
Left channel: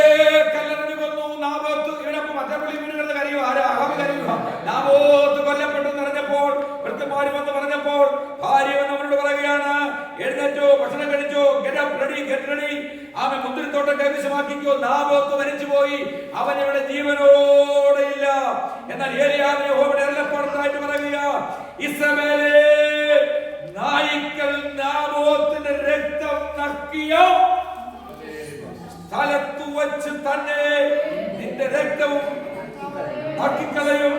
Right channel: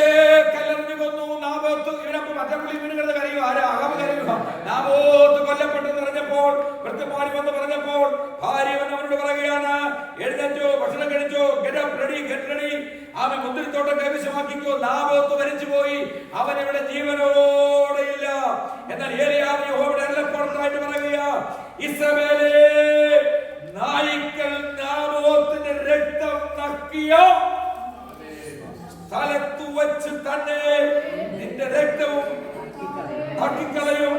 കല്ലെറിഞ്ഞു കൊന്നു. നാബോത്ത് ഇവനൊപ്പം മറ്റപ്പള്ളി വീടുകളുടെ കരയുക. ആരാ? അഹാബ് കരയുക. നാബോത്ത് കൊല്ലപ്പെട്ടെന്ന് പറഞ്ഞപ്പോൾ ഭൃത്യന്മാർ വന്ന് പറഞ്ഞപ്പോൾ ഭാര്യ വന്ന് അവനോട് പറയുകയാണ്, എഴുന്നേറ്റോ, ഭക്ഷണം കഴിച്ചോ, ഗെറ്റ് റെഡി. അവൻ മുന്തിരിത്തോട്ടം കൈവശമാക്കിക്കോ. നാബോത്ത് മരിച്ചു പോയി, അവൻ ഇവിടെ ജീവനോടെ ഇല്ല. എന്നാൽ ഏലിയാവ് യഹോവയുടെ അരുളപ്പാടായിട്ട് പറയുക, ഇസ്രായേലേ, നായ്ക്കൾ നാബോത്തിന്റെ രക്തം നക്കിയ സ്ഥലത്തു വച്ച് തന്നെ നിന്റെ രക്തവും നക്കിക്കളയും.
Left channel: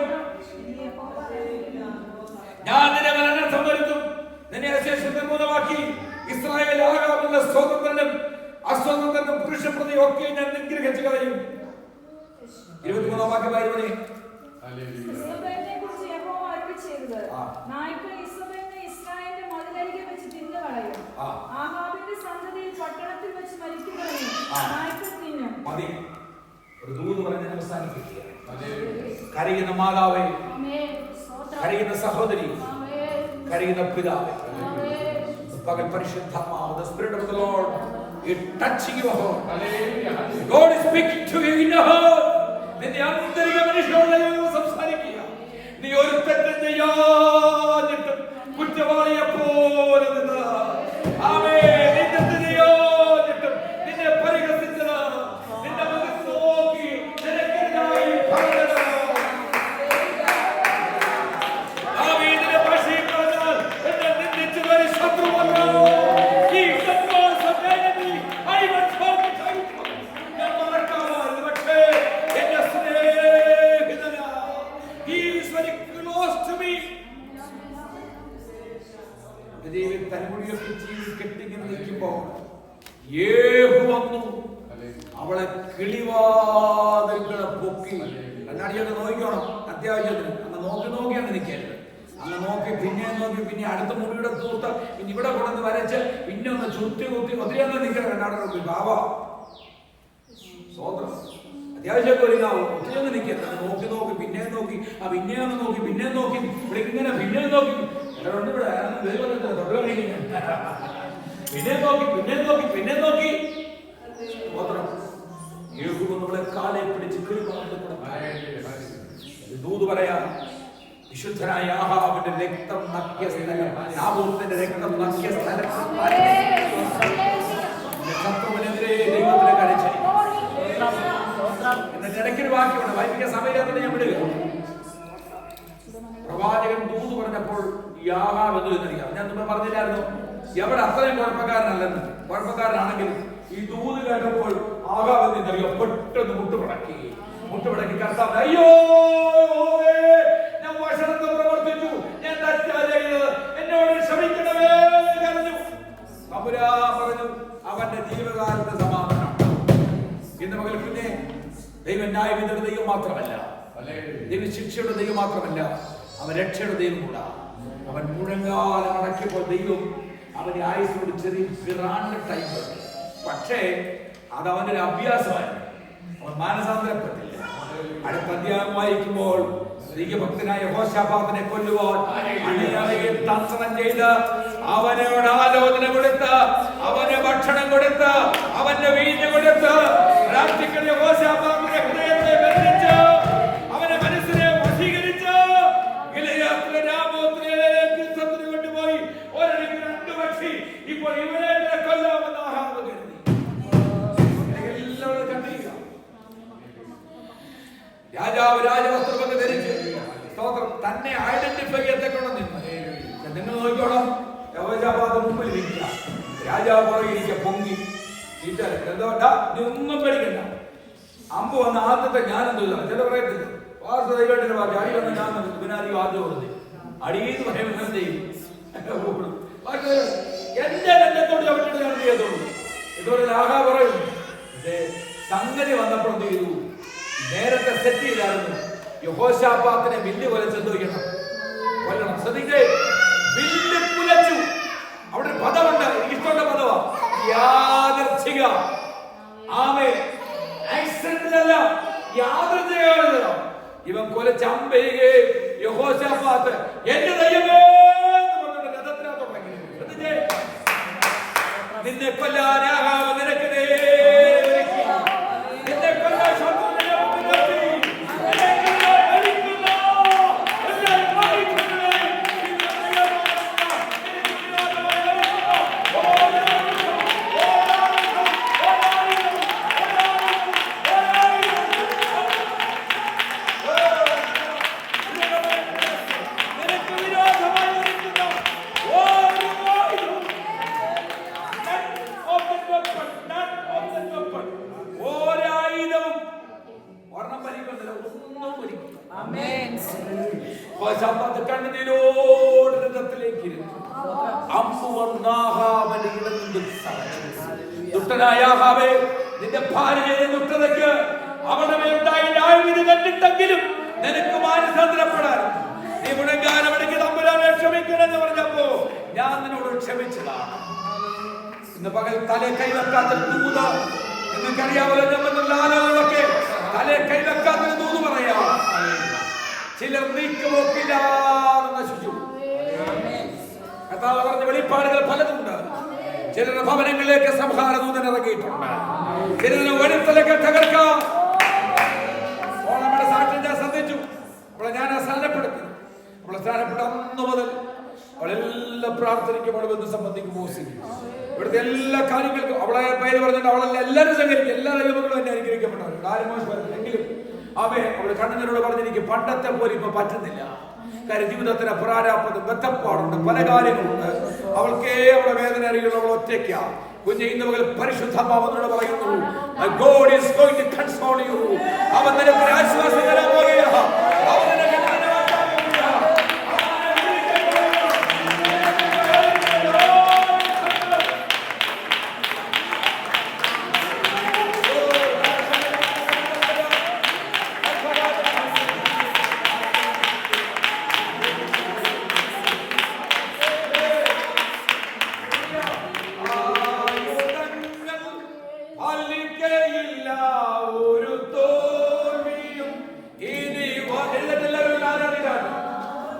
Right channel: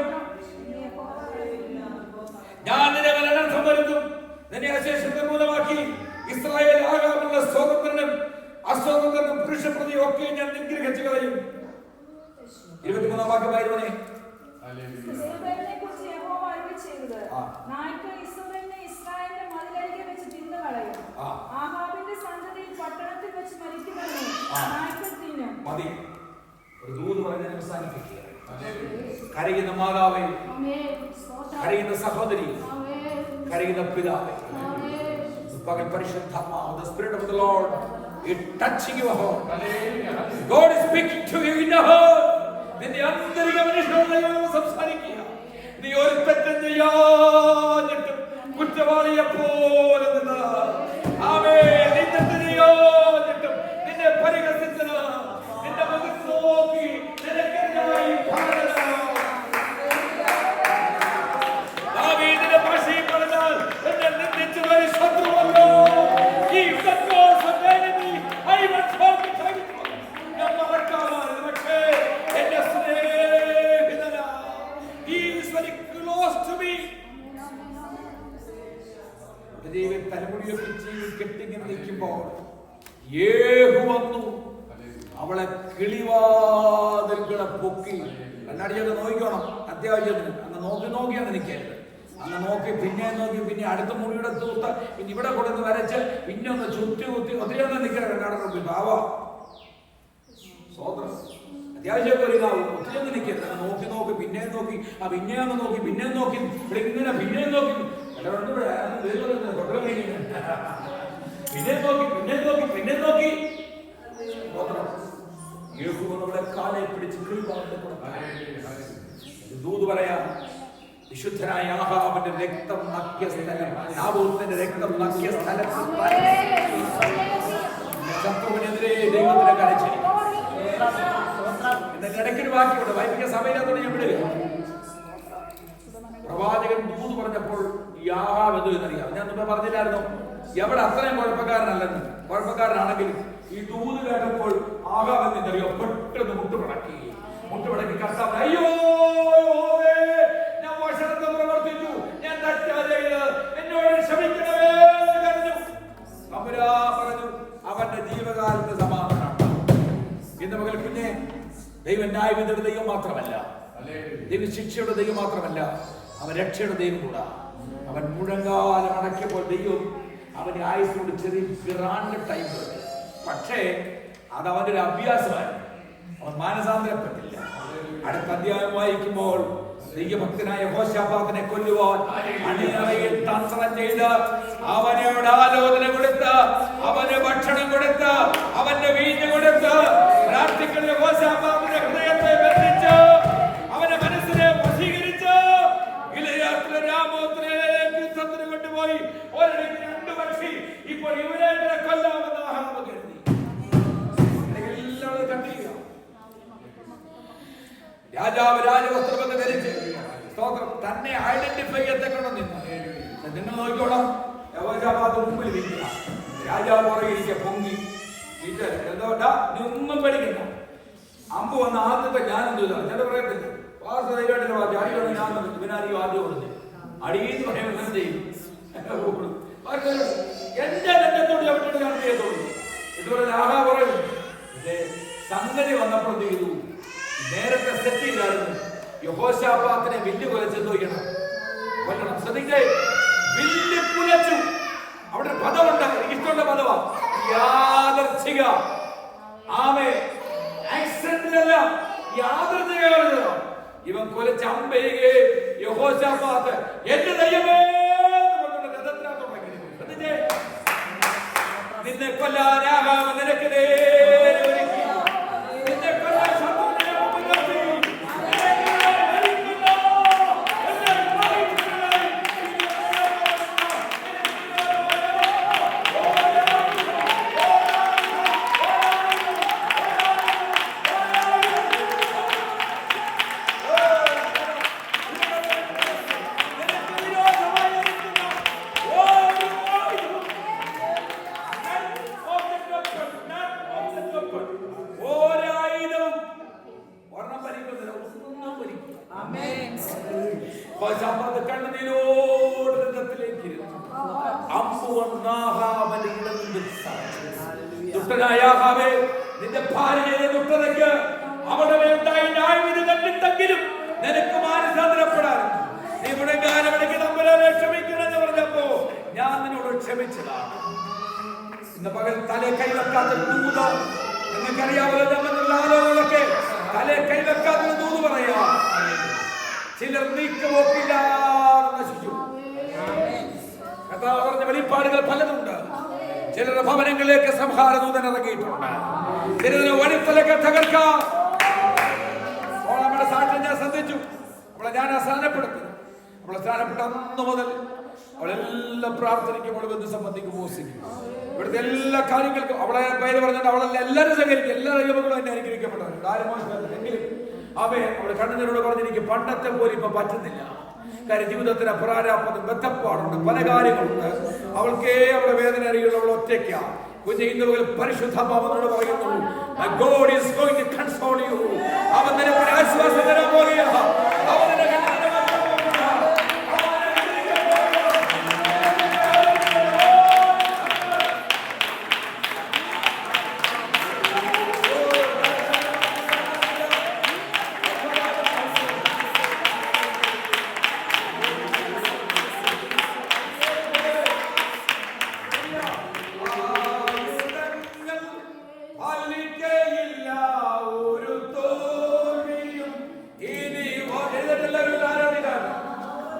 ഞാൻ നിന്നെ അനർത്ഥം വരുത്തും. നിന്നെ അശേഷം നിർമ്മൂലമാക്കി ഇസ്രായേൽ ആകാമുള്ള സ്വതന്ത്രനും അസ്വതന്ത്രനും പുരുഷപ്രതിയും ഒക്കെ ഞാൻ നിഗ്രഹിച്ചു കളയും. 23-ാം വാക്യമായിരുന്നേ. ഇസ്രായേലിനെക്കുറിച്ച് യഹോവ അരുളിച്ചെയ്തത്, നായ്ക്കൾ ഇസ്രായേലിനെ ഇസ്രായേലിന്റെ മതിലരികെ വെച്ച് തിന്നുകളയും. ആഹാബിന്റെ സന്തതിയിൽ പട്ടണത്തിൽ വെച്ച് മരിക്കുന്നവരെ നായ്ക്കൾ തിന്നും. മതി. ഒരു ദൂത് പറഞ്ഞ് അവസാനിപ്പിക്കുക. കരയുന്ന മാതാവേ, കരയുന്ന സഹോദരി, കരയുന്ന പിതാവേ, പകൽ പരിശുദ്ധാത്മാവ്, the spirit of the Lord is touching your heart. God is speaking to you in your heart. നിന്റെ ആന്തരിക മനുഷ്യരോട് സംസാരിക്കുക. നീ ഒരു തെറ്റും ചെയ്യാഞ്ഞിട്ടും കുറ്റവാളിയെ പോലെ നിന്ന് നിന്നെ തിരിയാഞ്ഞിട്ടും നിന്നെ പരിഹസിച്ചത് നിന്റെ മുഖത്ത് നോക്കി നിനക്കെതിരായി പറഞ്ഞത് ദാവീദിന്റെ ഭാഷയിൽ പറഞ്ഞാൽ എന്നെ നിന്ദിച്ചു വരി ശത്രുവല്ലോ. ഈ ഞാൻ മറക്കാമായിരുന്നു, പക്ഷേ എന്റെ സ്നേഹിതനാ. He is very close to me. തലമുടിയൊക്കെ ജീവി കെട്ടിങ്ങനെ നിൽക്കുമ്പോൾ യേഹു വന്നു, അവളെ കിളിവാതിൽകളെ പൊക്കി. കണ്ണാടിയൊക്കെ നോക്കിക്കോണം അത്യാവശ്യത്തിന്. അങ്ങ് നോക്കിയാണ് നിൽക്കരുത്. അങ്ങ് നോക്കി പിന്നെ നോക്കി പിന്നെ അടുത്ത മുടിയുടെ തൂത്ത് പിന്നെ ഇവിടെ കൊണ്ടുവന്ന് വരച്ച് പിന്നെ ഒന്ന് ചുറ്റി കുത്തി ഒത്തിരിയൊന്നും നിൽക്കാൻ കണ്ണാടി നോക്കി. ഭാവ സ്വതന്ത്രം അത്യാവശ്യമൊക്കെ ഒരുങ്ങാവും. ഒത്തിരിയൊന്നും നിൽക്കരുത്. അത് നോക്കി പിന്നെ നോക്കി പിന്നെയൊന്ന് നോക്കി പിന്നെ നോക്കി ഇവിടെ ഇങ്ങനെ പിന്നെ നോക്കി പിന്നെ നോക്കി നമ്മളെ കാലെ പിടിച്ച് ദൂത് പറയാം. വിശുദ്ധനായ ആഹാബിന്റെ രക്തം നക്കിയ സ്ഥലം, നാബോത്തിന്റെ രക്തം നക്കിയ സ്ഥലത്ത് ശത്രുവിനെതിരെ ദൈവത്തിനെ കരച്ചിരി. എന്നിട്ട് ഇടയ്ക്കൊരു വാക്യമുണ്ട്, വായിപ്പിക്കാൻ സമയത്തോടെ ഞാൻ വിടുക. പ്രവാചകൻ ദൂത് പറഞ്ഞപ്പോൾ യാഹാബ് എന്നറിയാം. ഞാൻ മുമ്പ് പറഞ്ഞില്ലായിരുന്നു എവിടെ അത്രയും കുഴപ്പക്കാരനല്ലെന്ന്. കുഴപ്പക്കാരനാണെങ്കിലും ഈ ദൂത് കേട്ടപ്പോൾ ആഹാബ് എന്നറിയോ പെട്ടെന്ന് മുട്ടുപടക്കി കർത്താവ്, അയ്യോ ഞാൻ വഷളത്വം പ്രവർത്തിച്ചു, ഞാൻ തെറ്റാ ചെയ്തത്, എന്നോട് ക്ഷമിക്കണമേ പറഞ്ഞു. പറഞ്ഞു അവന്റെ ജീവകാലത്ത് സമാധാനം. ഇന്ന് മകൾ പിന്നെ ദൈവം ന്യായവിധിയുടെ ദൈവം മാത്രമല്ല, ദൈവ ശിക്ഷയുടെ ദൈവം മാത്രമല്ല, അവൻ രക്ഷയുടെ ദൈവം കൂടാ. അവൻ മുഴങ്കാലം അടക്കിയപ്പോൾ ദൈവം അവന്റെ ആയുസിനോട് ചെറിയ പിറാന്റെ ടൈം ഉണ്ട്. പക്ഷേ അത് അവന്റെ ഒരു അഭ്യാസമായിരുന്നു. അവൻ മാനസാന്തരപ്പെട്ടില്ല. അടുത്ത അധ്യായം വായിക്കുമ്പോൾ ദൈവഭക്തനായ യഹോശാഫാത്തിനെ കൊല്ലുവാൻ അണിയറയിൽ തന്ത്രം ചെയ്ത് അവനോട് ആലോചന കൊടുത്ത് അവന് ഭക്ഷണം കൊടുത്ത് അവന്റെ വീഞ്ഞ് കൊടുത്ത് പ്രാർത്ഥിക്കുന്ന യഹോശാഫാത്തിന്റെ ഹൃദയത്തെ ബന്ധിച്ച് അവന്റെ മനസ്സിനെ വശീകരിച്ച് ഗിലെയാദിലെ രാമോത്തിലേക്ക് യുദ്ധത്തിന് കൊണ്ടുപോയി. ഒരിടയ്ക്ക് 2 പക്ഷി. ഇപ്പോൾ ഇവരെ കൊല്ലാമെന്ന് ആഹാബ് കരുതി. എല്ലാവരും കണ്ടിരിക്കുക. രാജാവ് രാജവസ്ത്രമൊക്കെ ധരിച്ച് സ്തോത്രം തന്നെ ഐഡന്റിഫൈ ചെയ്യത്തക്കൊണ്ട് നിന്ന്. നിങ്ങൾ നോക്കിക്കോളാം, യഹോശാഫാത്ത് മുമ്പിൽ ഇരിക്കുക, രാജാവ് പുറകിരിക്കുക, പൊങ്ങി എന്താ നീ ഒന്നും പേടിക്കണ്ട. അമ്പ് വന്ന ആദ്യത്തെ ജ്ഞാനം ചെയ്താൽ ചില പറയത്തില്ല വാർത്ത ദൈവത്തിന്റെ വാർത്ത അടി വന്ന ഞാൻ വിനാരിയോ ആദ്യം കൊടുത്ത് അടിയെന്ന് പറയുമ്പോൾ ഞാൻ ചെയ്യും. എന്റെ രംഗത്തോട് ചവിട്ടിട്ട് ഞാൻ ചെയ്യത്തുള്ളൂ. ഇതുപോലെ ആഹാ പറയും. പക്ഷേ സംഗതി വന്നപ്പോൾ എന്ത് ചെയ്തു? നേരത്തെ സെറ്റ് ചെയ്തായിരുന്നു. യഹോശാഫാത്തിനെ വില്ല് കുലച്ചെന്ന് വയ്ക്കണം, കൊല്ലണം. ശ്രദ്ധിക്കേ, വില്ല് കുലച്ചു. അവിടെ ഒരു പദമുണ്ട്, എനിക്കിഷ്ടമുള്ള പദവാ, യാദർച്ഛിക. ആമേ, ആക്സിഡന്റിലല്ല, യാദർച്ഛിക. ഇവൻ കൊലച്ച അമ്പെയ്യുകേ യഹോശാഫാത്ത് എന്റെ ദൈവമേ രഥത്തിനകത്തോട്ട് ശ്രദ്ധിച്ചേ. നിന്നെ കൊല്ലാൻ ആഹാബ് നിനക്ക് നേരെ ഒരുക്കി. നിന്നെ കൊല്ലാൻ ശത്രുവിനെ മുൻനിർത്തി. നിനക്കെതിരെ വലിക്കുന്ന എന്നെ വായിക്കുന്നവരെ നിനക്ക് വിരോധമായി ഒരുക്കുന്ന ഒരു ആയുധവും ഒരായുധവും ഒരെണ്ണം ഭരിക്കുന്നില്ല, ഒന്നും ഭരിക്കും. കണ്ണുനീരോട് രംഗത്തിലേക്ക് ഇരുന്നു. അമ്പു വന്ന ആഹാബിന്റെ ഇടയിൽ ദുഷ്ടനായ ആഹാബേ, നിന്റെ ഭാര്യയുടെ ദുഷ്ടതയ്ക്ക് അവളുടെ മേലുണ്ടായില്ലായ്മ കണ്ടിട്ടെങ്കിലും നിനക്ക് മാനസാന്തരപ്പെടാൻ നീ ഗുണഗാനമണിക്ക് തമ്പുരാനെ ക്ഷമിക്കണമെന്ന് പറഞ്ഞപ്പോ ഞാൻ നിന്നോട് ക്ഷമിച്ചതാണ്. ഇന്ന് പകൽ തലേ കൈവെക്കാത്ത ദൂത നിങ്ങൾക്കറിയാമല്ലോ, നമ്മളുള്ള ആലോചനകളൊക്കെ തലേ കൈവെക്കാത്ത ദൂത് പറയാ. ചിലർ നീക്കുപോക്കില്ലാതെ നശിച്ചു. കർത്താവ് പറഞ്ഞ വെളിപ്പാടുകൾ പലതുണ്ട്. ചിലരുടെ ഭവനങ്ങളിലേക്ക് സംഹാര ദൂതൻ ഇറങ്ങിയിട്ടുണ്ട്. ചിലരുടെ വഴിത്തലൊക്കെ തകർക്കാം. നമ്മുടെ സാക്ഷ്യം ഞാൻ ശ്രദ്ധിച്ചു. അവളെ ഞാൻ സ്നാനപ്പെടുത്തി. അവളെ സ്നാനപ്പെട്ട അന്ന് മുതൽ അവളെല്ലാം പ്രാർത്ഥനയ്ക്കും അവളെ ബന്ധു സംബന്ധിക്കും മോസിക്കും. ഇവിടുത്തെ എല്ലാ കാര്യങ്ങൾക്കും അവളെ പേര് പറഞ്ഞിട്ട് അവളെല്ലാം എല്ലാവരും സഹകരിക്കും. എല്ലാ ദൈവങ്ങളും എന്നെ അനുഗ്രഹിക്കപ്പെട്ടവരുണ്ട്. ആരും മോശമല്ല. എങ്കിലും അവളെ കണ്ണുനീരോട് പറഞ്ഞിരിക്കും, പണ്ടത്തെ പോലെ ഇപ്പൊ പറ്റുന്നില്ല. കാര്യം ജീവിതത്തിന് പ്രാരാബ്ധം, ബന്ധപ്പാടുണ്ട്, പല കാര്യങ്ങളുണ്ട്. അവൾക്കേ അവളുടെ വേദന അറിയുള്ളൂ. അവൾ ഒറ്റയ്ക്കാ. കുഞ്ഞ് ഇന്ന് മുതൽ പരിശുദ്ധാത്മാവിനോട് പറയുന്നു, my God is going to console you. അവൻ നിനക്ക് ആശ്വാസം തരാൻ പോകുകയാ. അവൻ നിനക്ക് ഒരു തോൽവിയും ഇനി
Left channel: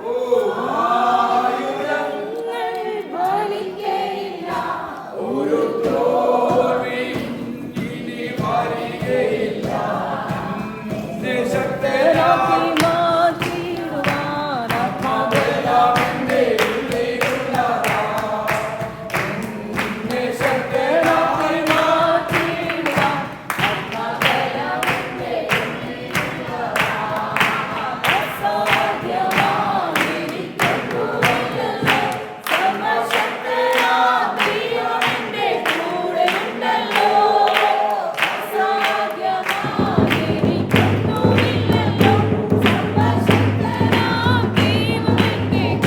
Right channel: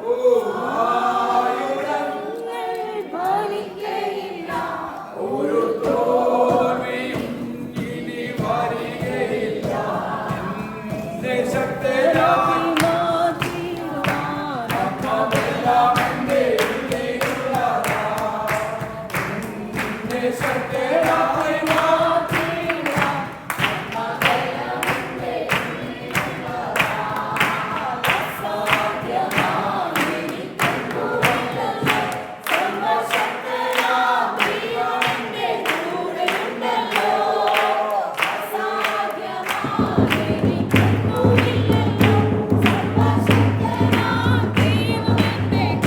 ഓ ഒരു തോൽവിയും ഇനി വരികയില്ല. എന്നെ ശക്തനായി ആത്മാവെല്ലാം എന്റെ ഉള്ളിലുള്ളതാ. എന്നെ ശക്തനായി Oh